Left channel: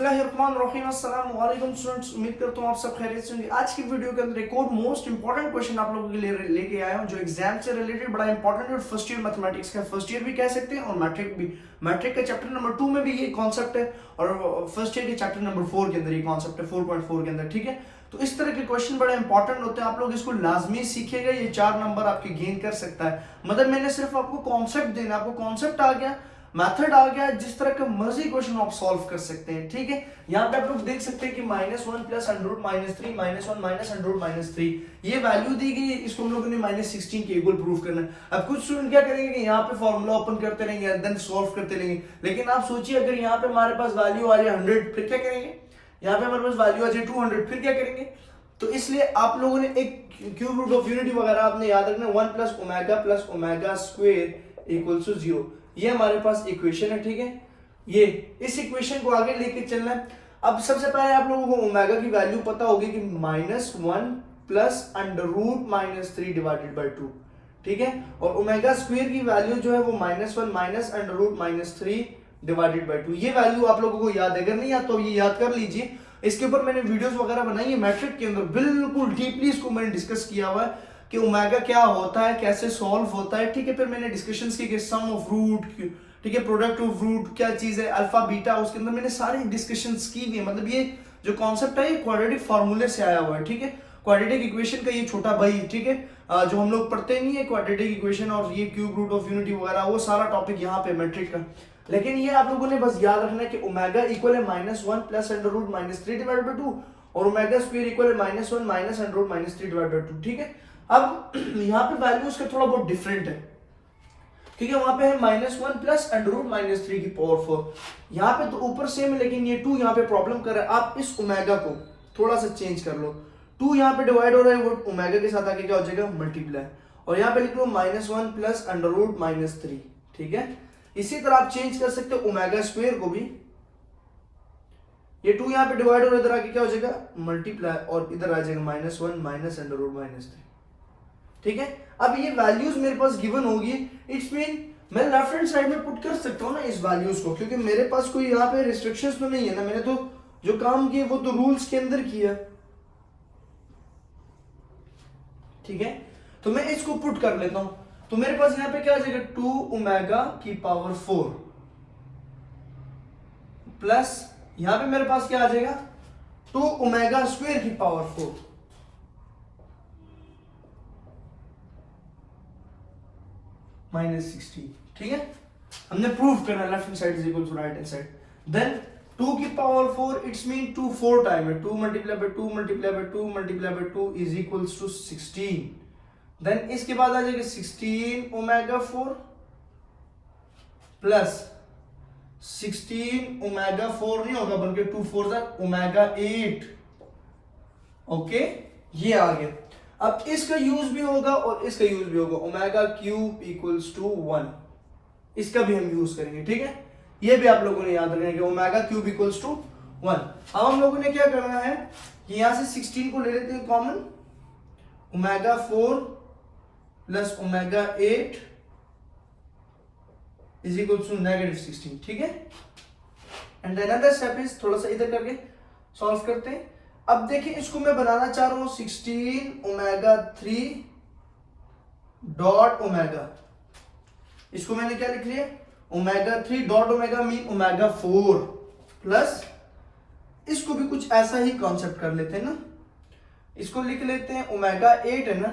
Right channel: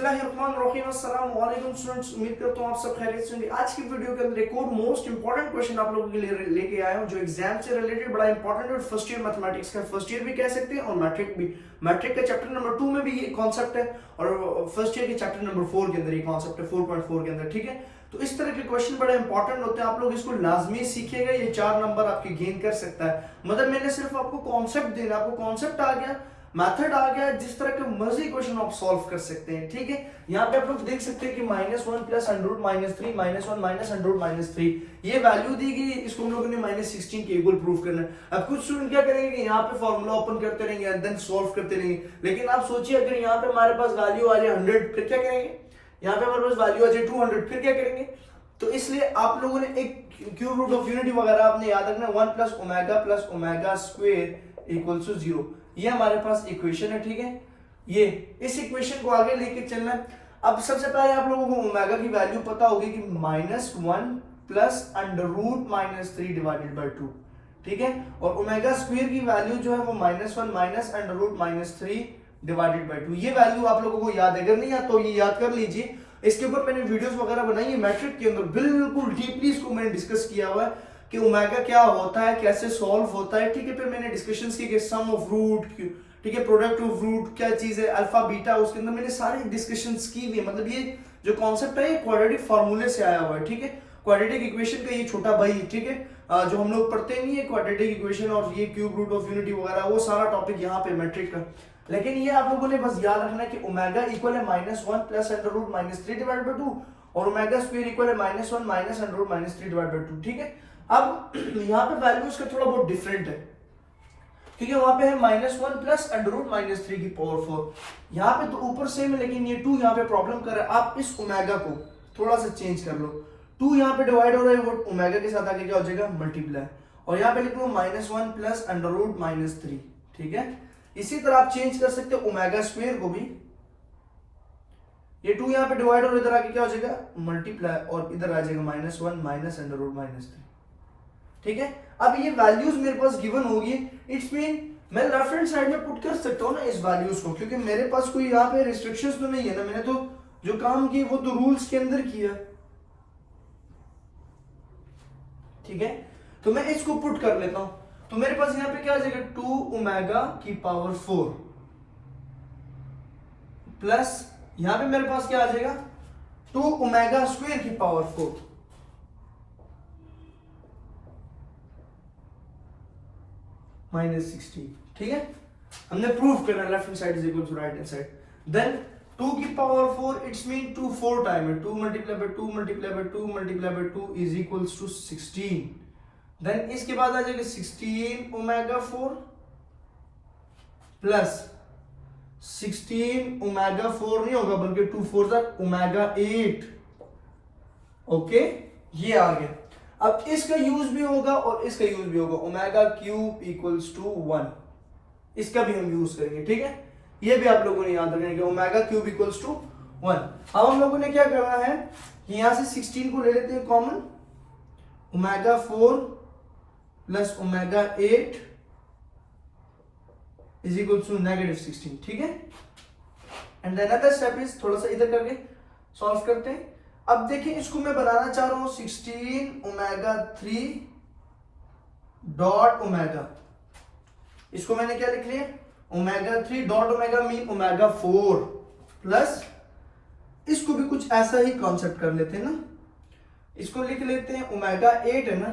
अस्सलाम वालेकुम स्टूडेंट्स, उम्मीद करता हूँ आप सब खैरियत से होंगे। आज की वीडियो के अंदर एक और मोस्ट इंपॉर्टेंट क्वेश्चन आप लोगों के लिए लेके आया हूँ जो एग्जाम से रिलेटेड बड़ा इंपॉर्टेंट और फर्स्ट ईयर मैथमेटिक्स का फर्स्ट ईयर भी कह सकते हैं और मैट्रिक भी। मैट्रिक का चैप्टर नंबर 2 में भी ये कॉन्सेप्ट है और फर्स्ट ईयर के चैप्टर नंबर 4 के अंदर ये कॉन्सेप्ट है 4.4 के अंदर। ठीक है, तो इस तरह के क्वेश्चन बड़े इंपॉर्टेंट होते हैं, आप लोग इसको लाजमी सीखिएगा। ये 4 नंबर आपके गेन कर सकता है। मतलब मैंने सिर्फ आपको कॉन्सेप्ट देना, आपको कॉन्सेप्ट आ गया, मेथड आ गया, जिस तरह के मर्जी क्वेश्चन आप सॉल्व कर सकते हैं। ठीक है, यहाँ पे आप लोग देख सकते हैं कि -1 plus under root -3 -1 minus under root -3 ये वैल्यू दी गई। इसको हम लोगों ने -16 के इक्वल प्रूव करना है। अब कुछ स्टूडेंट क्या करेंगे कि यहाँ पे फॉर्मूला ओपन करते रहेंगे एंड देन सॉल्व करते रहेंगे, लेकिन आप सोचिए अगर यहाँ पे हमारे पास वैल्यू आ जाए 100 फिर क्या करेंगे, यहाँ पे हमारे पास वैल्यू आ जाए 200 फिर क्या करेंगे। तो इसलिए आप लोगों ने एक क्यूब रूट ऑफ यूनिटी वगैरह आपने याद रखना, 1 plus omega square equals to 0। ये हमारे पास इक्वेशन है। ठीक है, ये इस इक्वेशन को आगे लेके चलना है। अब सबसे पहले आप लोगों को ओमेगा की वैल्यू पता होगी कि -1 plus under root -3 divided by 2। ठीक है, और ओमेगा स्क्वायर की वैल्यू जो है वो -1 minus under root -3 divided by 2। ये वैल्यू आप लोगों को याद है, अगर नहीं याद तो ये याद कर लीजिए। इसके ऊपर मैंने वीडियोस वगैरह बनाई है मैट्रिक के अंदर, बिल्कुल डीपली इसको मैंने डिस्कस किया हुआ है कि ओमेगा क्या होता है, कैसे सॉल्व होता है। ठीक है, फिर मैंने डिस्कशंस की कि सम ऑफ रूट, ठीक है, प्रोडक्ट ऑफ रूट क्या चीज है, अल्फा बीटा, उसके अंदर मैंने सारी डिस्कशंस की हुई है। मतलब ये जो कॉन्सेप्ट है ये क्वाड्रेटिक फार्मूले से आया हुआ है। ठीक है, क्वाड्रेटिक इक्वेशन का ये छोटा भाई। ठीक है, जो हम लोग पढ़ते नहीं है क्वाड्रेटिक इक्वेशन और ये क्यूब रूट ऑफ यूनिटी वगैरह, वो सारा टॉपिक यहाँ पे मैट्रिक का। लेकिन ये आप लोगों ने बस याद रखना है कि ओमेगा इक्वल है -1 plus under root -3 divided by 2 और ओमेगा स्क्वायर इक्वल है -1 minus under root -3 divided by 2। ठीक है, अब यहाँ पे वैल्यूज का थोड़ा बहुत डिफरेंट है। ठीक है, वहां पे है -1 प्लस अंडर रूट -3 की पावर 4। यहाँ पे तो ऊपर सेम है लेकिन ये 2 यहाँ पे प्रॉब्लम कर रहा है। आप इस ओमेगा को थोड़ा सा चेंज कर लो, 2 यहाँ पे डिवाइड हो रहा है, वो ओमेगा के साथ आके क्या हो जाएगा, मल्टीप्लाई, और यहाँ पे लिख लो -1 प्लस अंडर रूट -3। ठीक है, इसी तरह आप चेंज कर सकते हो ओमेगा स्क्वायर को भी। ये 2 यहाँ पे डिवाइड हो रहा है, इधर आके क्या हो जाएगा, मल्टीप्लाई, और इधर आ जाएगा -1 माइनस अंडर रूट -3। ठीक है, अब ये वैल्यूज मेरे पास गिवन होगी, इट्स मीन मैं लेफ्ट हैंड साइड में पुट कर सकता हूँ ना इस वैल्यूज को, क्योंकि मेरे पास कोई यहाँ पे रिस्ट्रिक्शंस तो नहीं है ना। मैंने तो जो काम किया वो तो रूल्स के अंदर किया। ठीक है, तो मैं इसको पुट कर लेता हूं, तो मेरे पास यहाँ पे क्या आ जाएगा, 2 ओमेगा की पावर 4 प्लस यहां पे मेरे पास क्या आ जाएगा, 2 ओमेगा स्क्वायर की पावर 4 -16। ठीक है, हमने प्रूव करना left hand side is equal to right hand side. Then 2 की पावर 4 इट्स मीन 2 4 टाइम है, 2 multiply by 2 multiply by 2 multiply by 2 is equals to 16। Then इसके बाद आ जाएगा 16 ओमेगा 4 प्लस 16 ओमेगा 4 नहीं होगा बल्कि 2 4 ओमेगा 8। ओके, ये आ गया। अब इसका यूज भी होगा और इसका यूज भी होगा, ओमेगा क्यूब इक्वल्स टू 1, इसका भी हम यूज करेंगे। ठीक है, ये भी आप लोगों ने याद रखना है कि ओमेगा क्यूब इक्वल्स टू 1। अब हम लोगों ने क्या करना है, यहां से 16 को ले लेते हैं common, omega 4 plus omega 8 is equal to -16। ठीक है, and then another step is थोड़ा सा इधर करके सॉल्व करते हैं। अब देखिए इसको मैं बनाना चाह रहा हूं 16 ओमेगा 3 डॉट ओमेगा, इसको मैंने क्या लिख लिया, omega 3 dot omega mean omega 4 plus इसको भी कुछ ऐसा ही कॉन्सेप्ट कर लेते हैं ना, इसको लिख लेते हैं ओमेगा 8 है ना,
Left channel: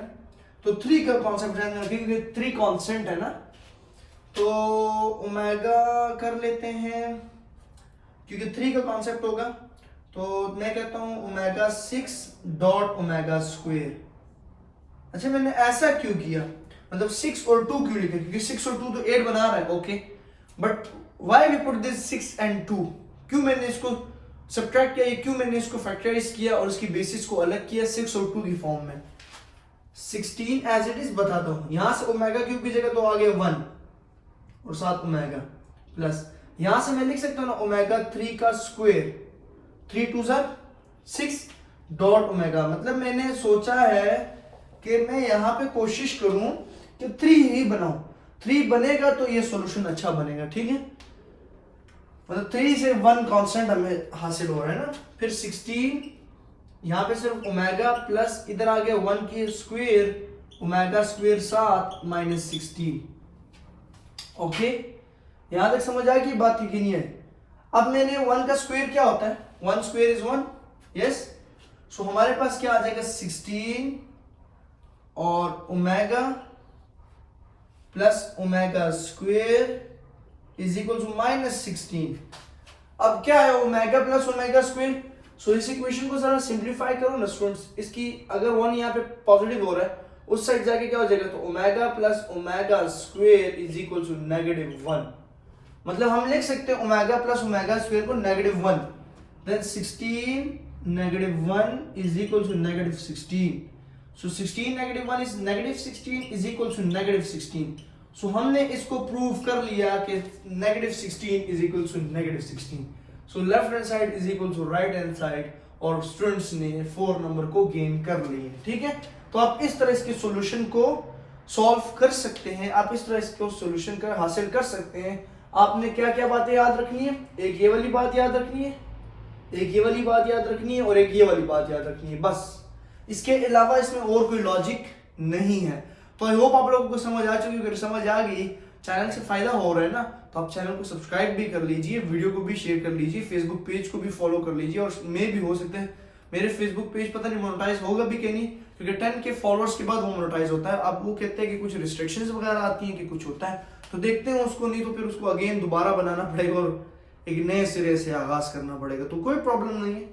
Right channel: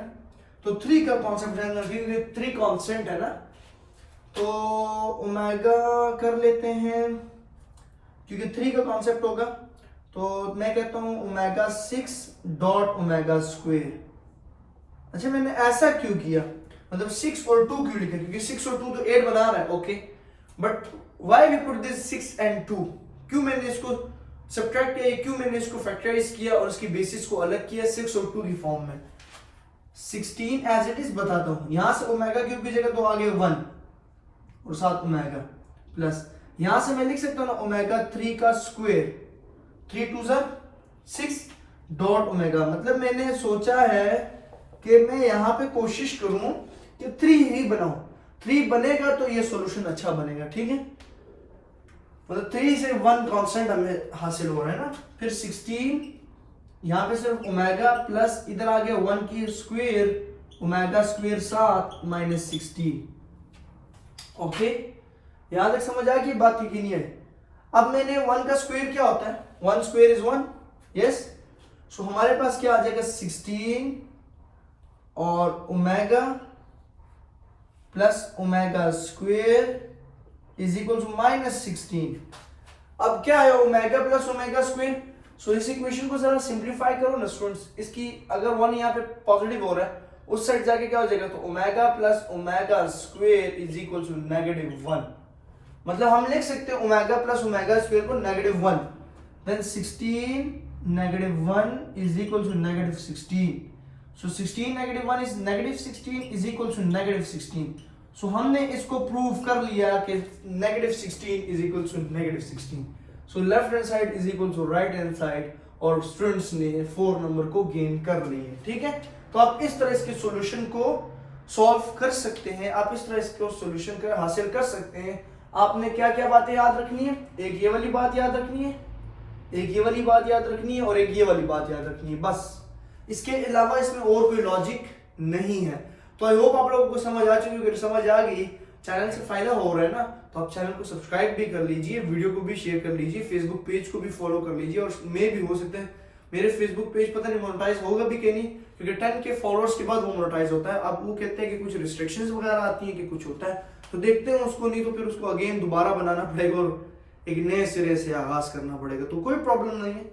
तो 3 का कॉन्सेप्ट है ना, क्योंकि 3 कांस्टेंट है ना, तो ओमेगा कर लेते हैं, क्योंकि 3 का कॉन्सेप्ट होगा, तो मैं कहता हूं ओमेगा 6 डॉट ओमेगा स्क्वायर। अच्छा, मैंने ऐसा क्यों किया, मतलब 6 और 2 क्यों लिखा, क्योंकि 6 और 2 तो 8 बना रहा है। Okay, but why we put this 6 and 2, क्यों मैंने इसको सब्ट्रैक्ट किया, क्यों मैंने इसको फैक्टराइज किया और उसकी बेसिस को अलग किया 6 और 2 की फॉर्म में। 16 एज इट इज बताता हूं, यहां से ओमेगा क्यूब की जगह तो आगे 1 और साथ ओमेगा प्लस, यहां से मैं लिख सकता हूं ना ओमेगा 3 का स्क्वायर, 3 2 6 डॉट ओमेगा। मतलब मैंने सोचा है कि मैं यहां पे कोशिश करूं कि 3 ही बनाऊं, 3 बनेगा तो ये सॉल्यूशन अच्छा बनेगा। ठीक है, मतलब 3 से 1 कांस्टेंट हमें हासिल हो रहा है ना। फिर 16 यहाँ पे सिर्फ ओमेगा प्लस इधर आ गया 1 की square, omega square 7 minus 16। Okay, यहां तक समझ आ गई बात की नहीं है। अब मैंने 1 का स्क्वायर क्या होता है, 1 स्क्वायर इज 1, यस। सो हमारे पास क्या आ जाएगा 16 और omega plus omega square is equal to minus 16। अब क्या है omega plus omega square. So इस इक्वेशन को जरा सिंप्लीफाई करो ना स्टूडेंट्स। इसकी अगर 1 यहाँ पे पॉजिटिव हो रहा है, उस साइड जाके क्या हो जाएगा, तो omega plus omega square is equal to -1। मतलब हम लिख सकते हैं ओमेगा प्लस ओमेगा स्क्वायर को -1, then 16 -1 is equal to -16। So 16 -1 is -16 is equal to -16। So हमने इसको प्रूव कर लिया कि -16 is equal to -16। So left hand side is equal to right hand side, और स्टूडेंट्स ने 4 नंबर को गेन कर लिए। ठीक है, तो आप इस तरह इसके सॉल्यूशन को सॉल्व कर सकते हैं, आप इस तरह इसको सॉल्यूशन कर हासिल कर सकते हैं। आपने क्या क्या बातें याद रखनी है, एक ये वाली बात याद रखनी है, एक ये वाली बात याद रखनी है, और एक ये वाली बात याद रखनी है, बस। इसके अलावा इसमें और कोई लॉजिक नहीं है। तो आई होप आप लोगों को समझ आ चुकी है। अगर समझ आ गई, चैनल से फायदा हो रहा है ना, तो आप चैनल को सब्सक्राइब भी कर लीजिए, वीडियो को भी शेयर कर लीजिए, फेसबुक पेज को भी फॉलो कर लीजिए। और मे भी हो सकता है मेरे फेसबुक पेज पता नहीं मोनेटाइज होगा भी कि नहीं, क्योंकि 10 के फॉलोअर्स के बाद वो मोनेटाइज होता है। अब वो कहते हैं कि कुछ रिस्ट्रिक्शंस वगैरह आती हैं कि कुछ होता है, तो देखते हैं उसको। नहीं तो फिर उसको अगेन दोबारा बनाना पड़ेगा और एक नए सिरे से आगाज करना पड़ेगा। तो कोई प्रॉब्लम नहीं है,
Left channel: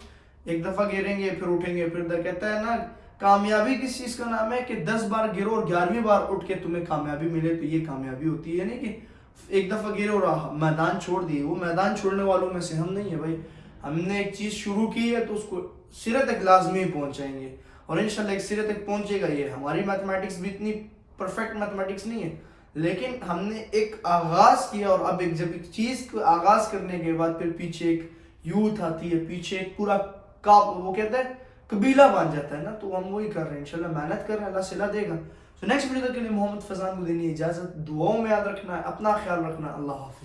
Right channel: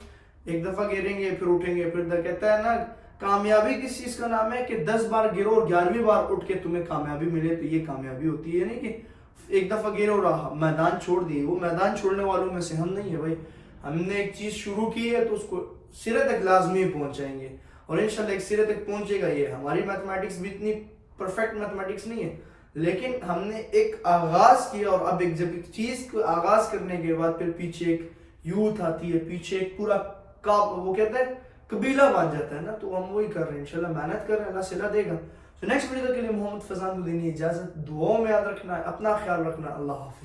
एक दफा गिरेंगे फिर उठेंगे। फिर कहता है ना, कामयाबी किस चीज का नाम है कि 10 बार गिरो और 11वीं बार उठ के तुम्हें कामयाबी मिले, तो ये कामयाबी होती है। नहीं कि एक दफा गिरे और मैदान छोड़ दिए। वो मैदान छोड़ने वालों में से हम नहीं है भाई। हमने एक चीज शुरू की है तो उसको सिरे तक लाजमी पहुंचाएंगे, और इंशाल्लाह एक सिरे तक पहुंचेगा। ये हमारी मैथमेटिक्स भी इतनी परफेक्ट मैथमेटिक्स नहीं है, लेकिन हमने एक आगाज किया, और अब एक जब एक चीज को आगाज करने के बाद फिर पीछे एक यूथ आती है, पीछे एक पूरा वो कहते हैं कबीला बन जाता है ना। तो हम वही कर रहे हैं, इंशाल्लाह मेहनत कर रहे हैं, अल्लाह सिला देगा। तो नेक्स्ट वीडियो तक के लिए मोहम्मद फजान को देनी इजाजत। दुआओं में याद रखना, अपना ख्याल रखना। अल्लाह हाफिज।